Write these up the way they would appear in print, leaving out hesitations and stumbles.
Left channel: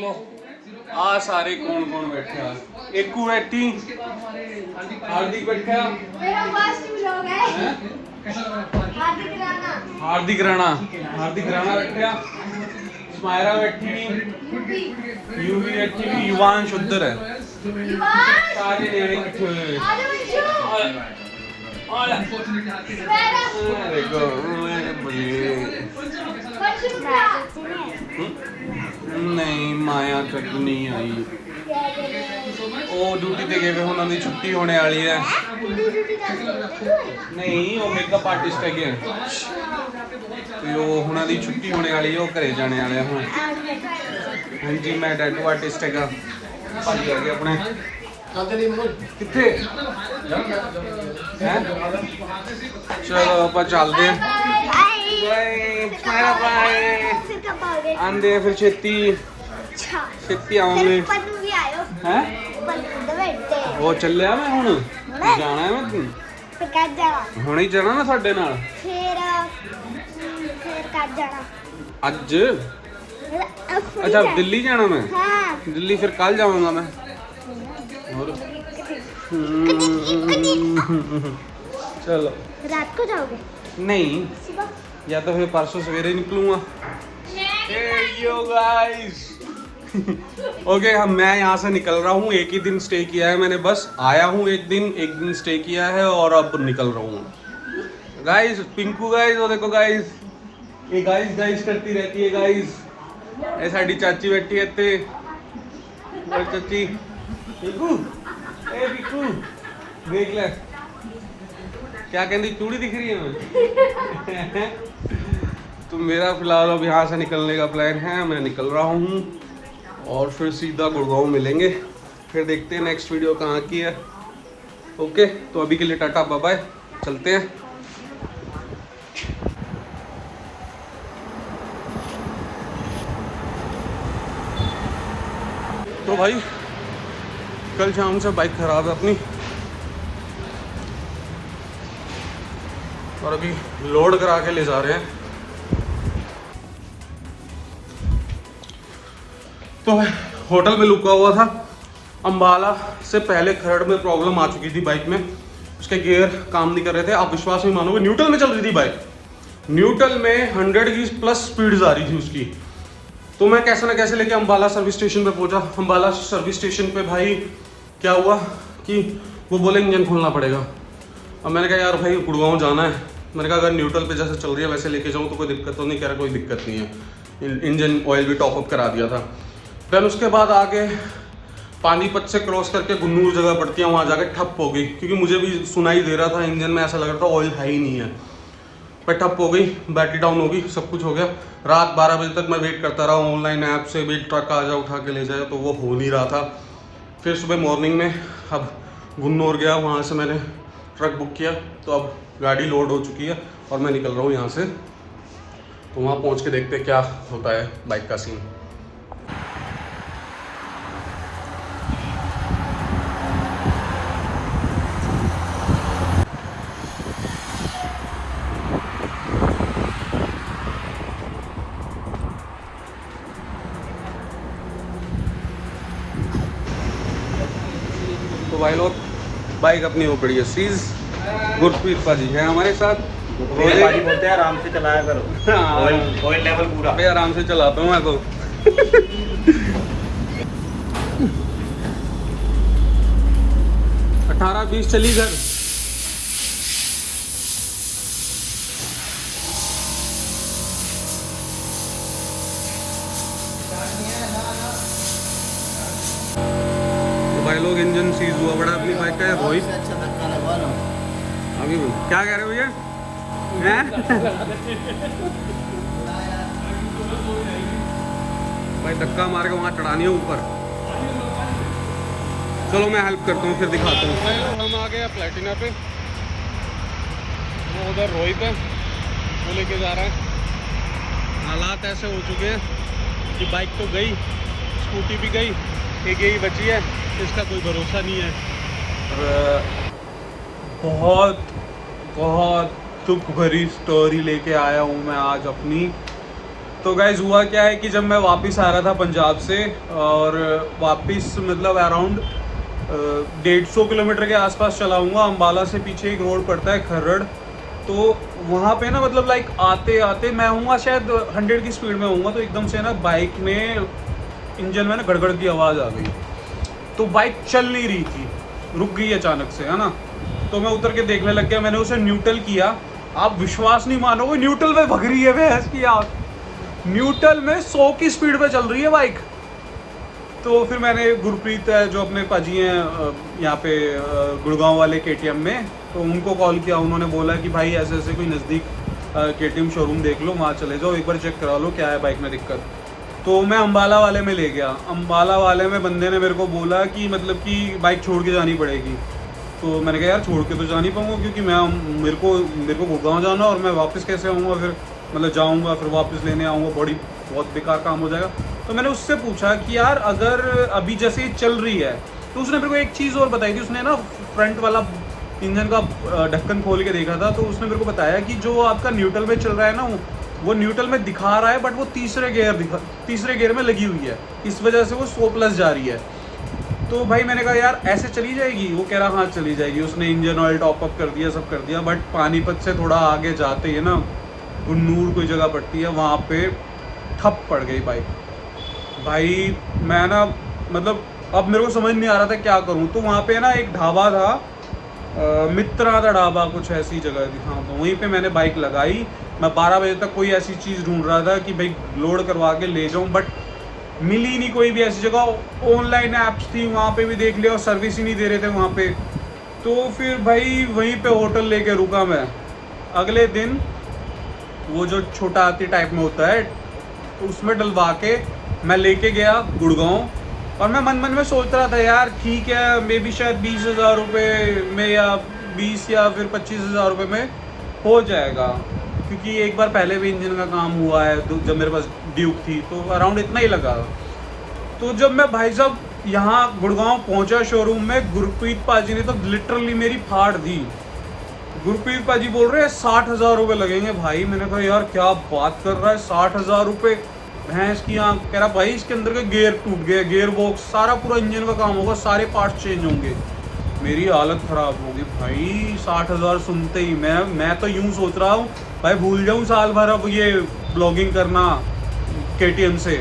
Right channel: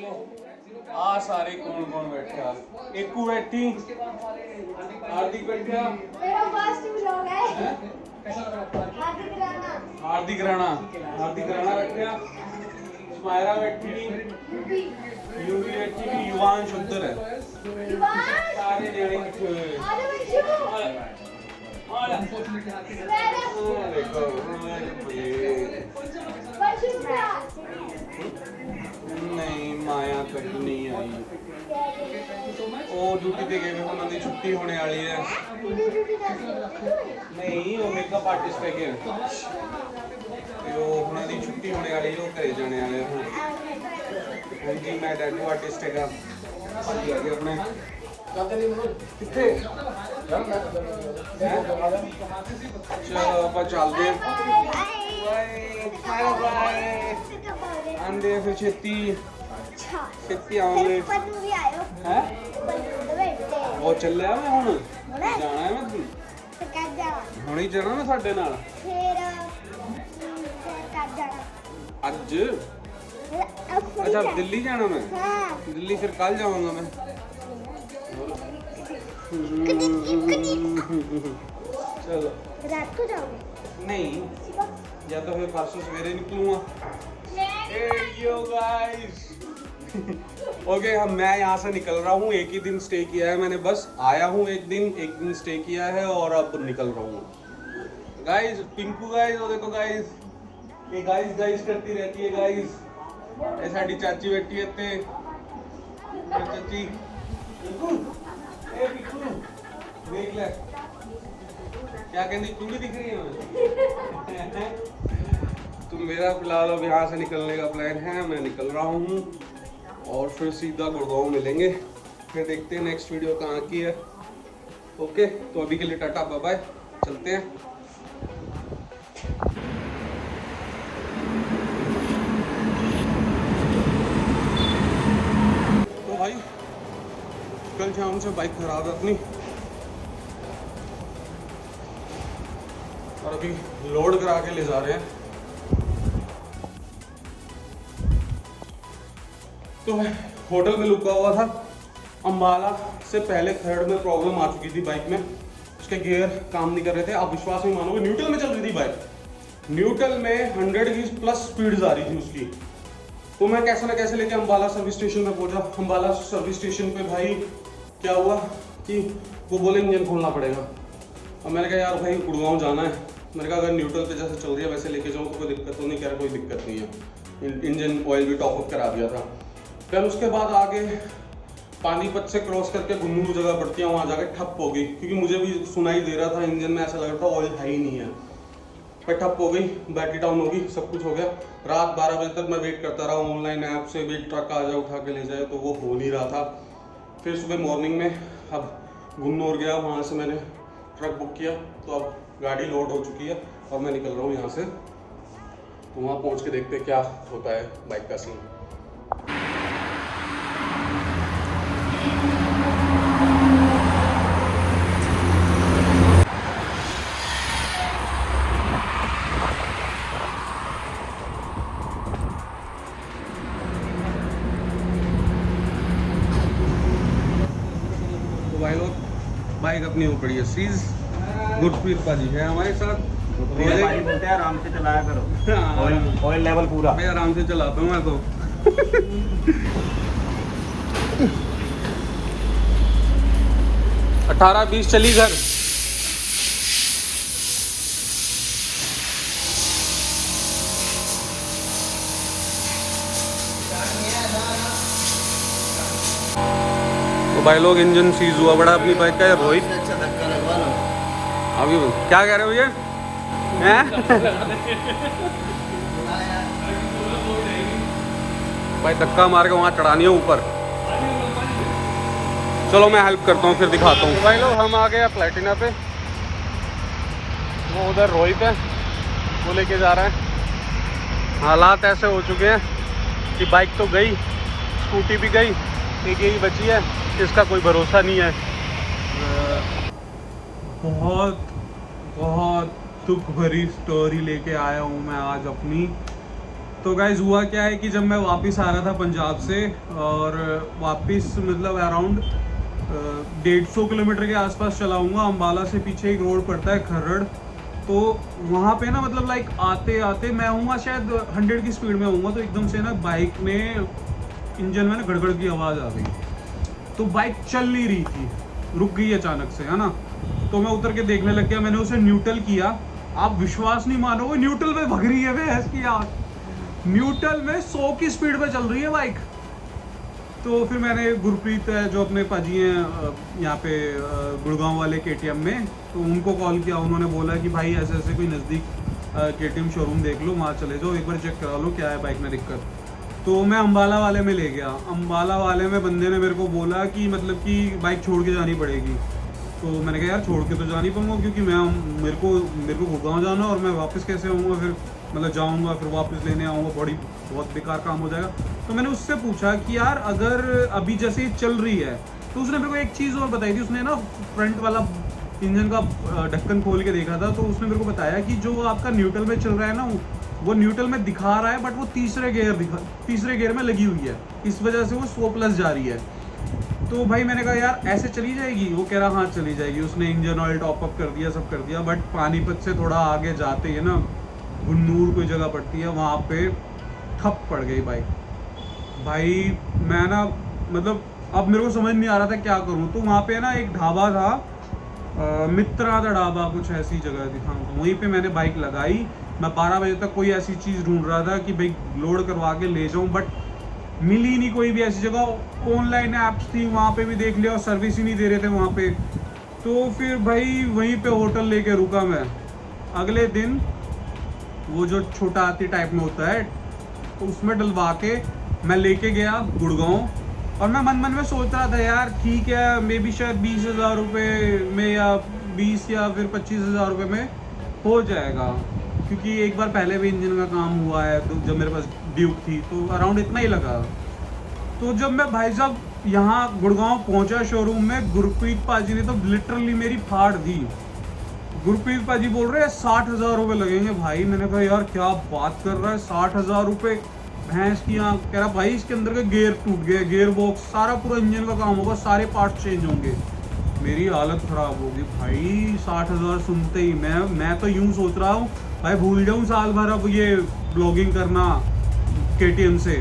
लो आ सारे कौन कौन बैठे हैं। एकू बैठी, हार्दिक बैठा, मेरा फर्स्ट व्लॉग है। हार्दिक राणा बैठा, स्मायरा बैठी, यूवी बैठी, युवांश उधर है। सारे नेड़े इकट्ठे हुए हैं। नहीं माया तक नहीं आई। ਉਹ ਡਿਊਟੀ ਤੇ ਗਏ ਵੇ, ਉਹਨਾਂ ਦੀ ਛੁੱਟੀ ਹੋਣੇ ਵਾਲੀ ਹੈ। ਨਹੀਂ ਉਹ ਮੇਕਅਪ ਆਰਟਿਸਟ ਹੈਗੇ ਤੇ ਉਹ ਉਹਨਾਂ ਦੀ ਛੁੱਟੀ ਹੋਣੇ ਵਾਲੀ ਹੈ, ਉਹ ਘਰੇ ਜਾਣੇ ਵਾਲੇ ਹੁਣ। ਹਾਂਜੀ ਮੈਂ ਟੈਟੂ ਆਰਟਿਸਟ ਹੈਗਾ। ਭਾਜੀ ਹੈਗੇ ਆਪਣੇ ਕਿੱਥੇ ਹੈ। ਚਲੋ ਆਪਾਂ ਚੱਲਦੇ ਹਾਂ। ਆਂਦੇ ਫਿਰ ਛੇਤੀ ਆਉਂਗੇ ਹੈ। ਉਹ ਚੱਲਿਆ ਮੈਂ ਹੁਣ ਜਾਣਾ ਹੈ। ਮੈਂ ਹੁਣੇ ਹੀ ਜਾਣਾ ਨਾ ਸਾਡੇ ਨਾਲ। ਅੱਜ अच्छा दिल्ली जाना मैं। दिल्ली फिर कल जाऊंगा मैं। और चलो रात को जाओगे? नहीं सुबह? या तो फिर परसों सवेरे निकलूंगा। ओके हम मैं यहाँ से निकल रहा हूँ। एक ही दिन स्टे किया है मैंने, बस आया हूँ एक दिन स्टे किया है और अब निकल रहा हूँ। गाइस पिंकू गाइस, और देखो गाइस ये गाइस करती रहती है गाइस। ये साडी चाची बैठी है ते चाची पिंकू देख ले क्या कहती चूड़ी दिख रही है मैं। तो मेरा फिलहाल अब यहाँ से निकलने का प्लान है। मैं निकल रहा हूँ और फिर सीधा गुड़गांव मिलेंगे। फिर देखते हैं नेक्स्ट वीडियो कहाँ की है। ओके तो अभी के लिए टाटा बाय बाय, चलते हैं। तो भाई कल शाम से बाइक खराब है अपनी, और अभी लोड करा के ले जा रहे हैं। तो होटल में रुका हुआ था। अंबाला से पहले खरड़ में प्रॉब्लम आ चुकी थी बाइक में, उसके गियर काम नहीं कर रहे थे। आप विश्वास नहीं मानोगे, न्यूट्रल में चल रही थी बाइक, न्यूट्रल में 100 की प्लस स्पीड आ रही थी उसकी। तो मैं कैसे ना कैसे लेके अंबाला सर्विस स्टेशन पे पहुंचा। अंबाला सर्विस स्टेशन पे भाई क्या हुआ कि वो बोले इंजन खोलना पड़ेगा। अब मैंने कहा यार भाई गुड़गांव जाना है। मैंने कहा अगर न्यूट्रल पे जैसे चल रही है वैसे लेके जाऊँ तो कोई दिक्कत तो नहीं। कह रहा कोई दिक्कत नहीं है, इंजन ऑयल भी टॉपअप करा दिया था। देन उसके बाद आगे पानीपत से क्रॉस करके गुन्नूर जगह पड़ती है, वहाँ जाके ठप हो गई, क्योंकि मुझे भी सुनाई दे रहा था इंजन में, ऐसा लग रहा था ऑयल है ही नहीं है। पर ठप हो गई, बैटरी डाउन हो गई, सब कुछ हो गया। रात 12 बजे तक मैं वेट करता रहा ऑनलाइन ऐप से, भी ट्रक आ जाए उठा के ले जाए, तो वो हो नहीं रहा था। फिर सुबह मॉर्निंग में अब गुन्नौर गया, वहाँ से मैंने ट्रक बुक किया, तो अब गाड़ी लोड हो चुकी है और मैं निकल रहा हूँ यहाँ से। तो वहाँ पहुँच के देखते क्या होता है बाइक का सीन। भाई लोग बाइक अपनी हो पड़ी है सीज। गुरप्रीत पाजी है हमारे साथ। पाजी बोलते हैं आराम से चलाया करो, ऑयल लेवल पूरा। भाई आराम से चलाता हूँ मैं तो। 18-20 चली घर। तो भाई लोग इंजन सीज हुआ बड़ा अपनी बाइक का। रोहित अभी क्या कह रहे हो ये हैं? भाई धक्का मार के वहाँ चढ़ानी है ऊपर। चलो मैं हेल्प करता हूँ फिर दिखाता हूँ। भाई लोग हम आ गए प्लेटिना पे, वो उधर रोहित है, वो लेके जा रहा है। हालात ऐसे हो चुके हैं कि बाइक तो गई, स्कूटी भी गई, एक यही बची है, इसका कोई भरोसा नहीं है। बहुत दुख भरी स्टोरी लेके आया हूँ मैं आज अपनी। तो गाइज हुआ क्या है कि जब मैं वापस आ रहा था पंजाब से, और वापस मतलब अराउंड 150 किलोमीटर के आसपास चलाऊँगा, अम्बाला से पीछे एक रोड पड़ता है खर्रड़, तो वहाँ पे ना मतलब लाइक आते आते मैं हूँगा शायद 100 की स्पीड में हूँगा, तो एकदम से ना बाइक में इंजन में ना गड़गड़ की आवाज़ आ गई। तो बाइक चल नहीं रही थी, रुक गई अचानक से, है ना। तो मैं उतर के देखने लग गया, मैंने उसे न्यूट्रल किया। आप विश्वास नहीं मानोगे, न्यूट्रल में भग रही है भैंस की आग, न्यूट्रल में 100 की स्पीड पे चल रही है बाइक। तो फिर मैंने गुरप्रीत है जो अपने पाजी हैं यहाँ पे गुड़गांव वाले KTM में, तो उनको कॉल किया। उन्होंने बोला कि भाई ऐसे ऐसे कोई नज़दीक KTM शोरूम देख लो, वहाँ चले जाओ, एक बार चेक करा लो क्या है बाइक में दिक्कत। तो मैं अम्बाला वाले में ले गया। अम्बाला वाले में बंदे ने मेरे को बोला कि मतलब कि बाइक छोड़ के जानी पड़ेगी। तो मैंने कहा यार छोड़ के तो जा नहीं पाऊँगा, क्योंकि मेरे को गुड़गांव जाना, और मैं वापस कैसे आऊँगा, फिर मतलब जाऊँगा फिर वापस लेने आऊँगा, बहुत बेकार काम हो जाएगा। तो मैंने उससे पूछा कि यार अगर अभी जैसे ये चल रही है, तो उसने मेरे को एक चीज़ और बताई थी। उसने ना फ्रंट वाला इंजन का ढक्कन खोल के देखा था, तो उसने मेरे को बताया कि जो आपका न्यूट्रल में चल रहा है ना, वो न्यूट्रल में दिखा रहा है, बट वो तीसरे गियर में लगी हुई है, इस वजह से वो 100+ जा रही है। तो भाई मैंने कहा यार ऐसे चली जाएगी? वो कह रहा हाँ चली जाएगी। उसने इंजन ऑयल टॉप अप कर दिया, सब कर दिया, बट पानीपत से थोड़ा आगे जाते ही ना गुन्नूर कोई जगह पड़ती है, वहाँ पे ठप पड़ गई बाइक। भाई मैं ना मतलब अब मेरे को समझ नहीं आ रहा था क्या करूँ। तो वहाँ पे ना एक ढाबा था, मित्रा का ढाबा, कुछ ऐसी जगह थी, हाँ। तो वहीं पे मैंने बाइक लगाई। मैं 12 बजे तक कोई ऐसी चीज़ ढूंढ रहा था कि भाई लोड करवा के ले जाऊँ, बट मिली नहीं कोई भी ऐसी जगह। ऑनलाइन ऐप्स थी, वहाँ पे भी देख लिया और सर्विस ही नहीं दे रहे थे वहाँ पे। तो फिर भाई वहीं पे होटल लेके रुका मैं। अगले दिन वो जो छोटा हाथी टाइप में होता है, तो उसमें डलवा के मैं लेके गया गुड़गांव। और मैं मन में सोच रहा था यार ठीक है, मे बी शायद 20,000 रुपये में, या 20 या फिर 25,000 रुपये में हो जाएगा, क्योंकि एक बार पहले भी इंजन का काम हुआ है, तो जब मेरे पास ड्यूक थी तो अराउंड इतना ही लगा। तो जब मैं भाई साहब यहाँ गुड़गांव पहुँचा शोरूम में, गुरप्रीत पाजी ने तो लिटरली मेरी फाड़ दी। गुरप्रीत पाजी बोल रहे हैं 60,000 रुपये लगेंगे। भाई मैंने कहा यार क्या बात कर रहा है, 60,000 रुपये भैंस की आँख। कह रहा भाई इसके अंदर के गियर टूट गए, गियर बॉक्स, सारा पूरा इंजन का काम होगा, सारे पार्ट्स चेंज होंगे। मेरी हालत ख़राब होगी भाई। 60,000 सुनते ही मैं तो यूँ सोच रहा हूँ भाई भूल जाऊँ साल भर अब ये ब्लॉगिंग करना KTM से।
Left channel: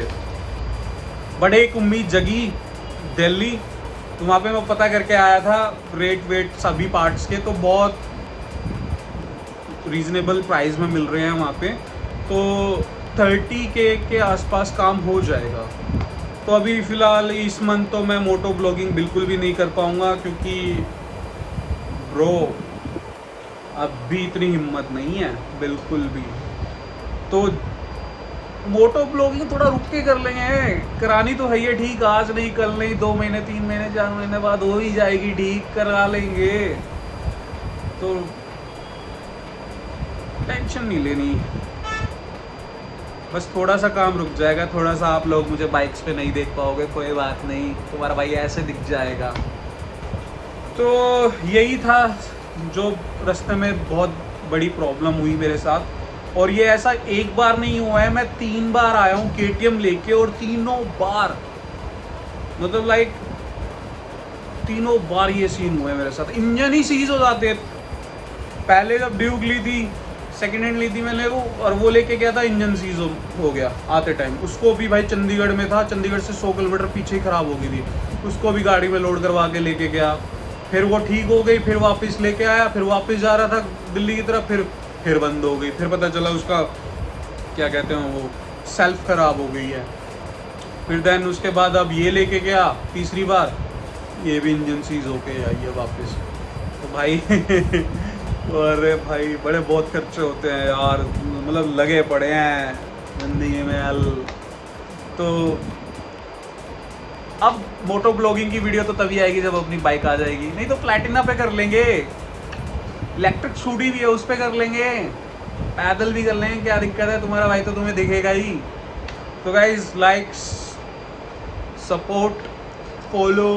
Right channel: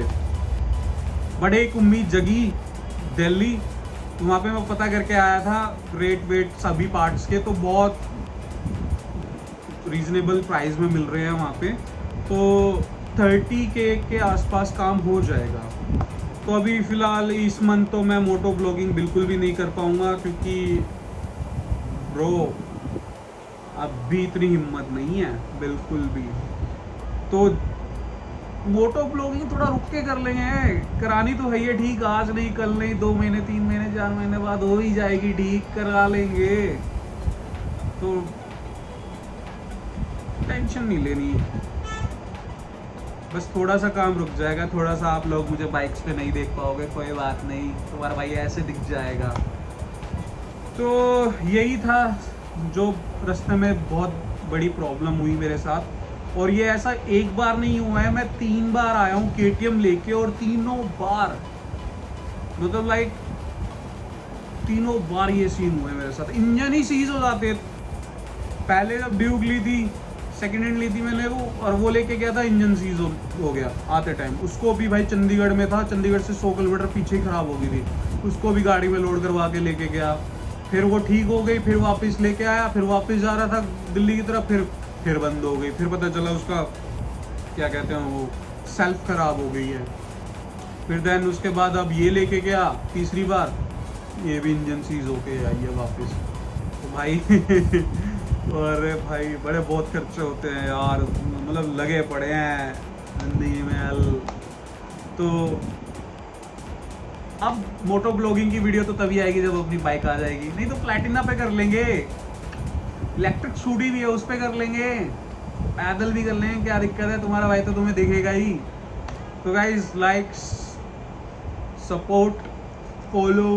बट एक उम्मीद जगी दिल्ली, तो वहाँ पे मैं पता करके आया था रेट वेट सभी पार्ट्स के, तो बहुत रीज़नेबल प्राइस में मिल रहे हैं वहाँ पे। तो 30K के आसपास काम हो जाएगा। तो अभी फ़िलहाल इस मंथ तो मैं मोटो ब्लॉगिंग बिल्कुल भी नहीं कर पाऊँगा, क्योंकि ब्रो अभी इतनी हिम्मत नहीं है बिल्कुल भी। तो मोटो ब्लॉगिंग थोड़ा रुक के कर लेंगे, करानी तो है ये ठीक, आज नहीं कल नहीं, 2 महीने 3 महीने 4 महीने बाद हो ही जाएगी ठीक, करा लेंगे। तो टेंशन नहीं लेनी, बस थोड़ा सा काम रुक जाएगा, थोड़ा सा आप लोग मुझे बाइक्स पे नहीं देख पाओगे, कोई बात नहीं, तुम्हारा भाई ऐसे दिख जाएगा। तो यही था जो रास्ते में बहुत बड़ी प्रॉब्लम हुई मेरे साथ। और ये ऐसा एक बार नहीं हुआ है, मैं 3 बार आया हूँ KTM लेके, और तीनों बार मतलब लाइक तीनों बार ये सीन हुआ है मेरे साथ। इंजन ही सीज हो जाते हैं। पहले जब ड्यूक ली थी, सेकेंड हैंड ली थी मैंने वो, और वो लेके गया था, इंजन सीज हो गया आते टाइम। उसको भी भाई चंडीगढ़ में था, चंडीगढ़ से 100 किलोमीटर पीछे ही ख़राब हो गई थी, उसको भी गाड़ी में लोड करवा के लेके गया। फिर वो ठीक हो गई, फिर वापस लेके आया, फिर वापस जा रहा था दिल्ली की तरफ, फिर बंद हो गई। फिर पता चला उसका क्या कहते हैं वो सेल्फ ख़राब हो गई है। फिर देन उसके बाद अब ये लेके गया तीसरी बार, ये भी इंजन सीज होके आई है वापस। तो भाई अरे भाई बड़े बहुत खर्चे होते हैं यार, मतलब लगे पड़े हैं जिंदगी में हल। तो अब मोटो ब्लॉगिंग की वीडियो तो तभी आएगी जब अपनी बाइक आ जाएगी, नहीं तो प्लैटिना पे कर लेंगे, इलेक्ट्रिक स्कूटी भी है उस पे कर लेंगे, पैदल भी कर लेंगे, क्या दिक्कत है, तुम्हारा भाई तो तुम्हें दिखेगा ही। तो guys like, support, follow,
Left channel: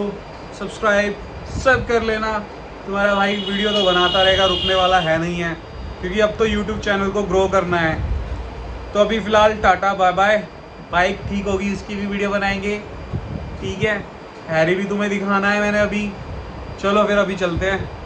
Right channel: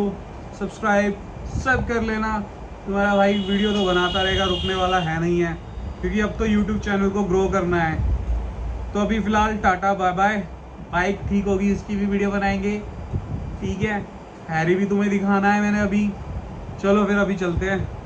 subscribe सब कर लेना। तुम्हारा भाई वीडियो तो बनाता रहेगा, रुकने वाला है नहीं है, क्योंकि अब तो यूट्यूब चैनल को ग्रो करना है। तो अभी फ़िलहाल टाटा बाय बाय। बाइक ठीक होगी इसकी भी वीडियो बनाएंगे, ठीक है। हैरी भी तुम्हें दिखाना है मैंने अभी। चलो फिर अभी चलते हैं।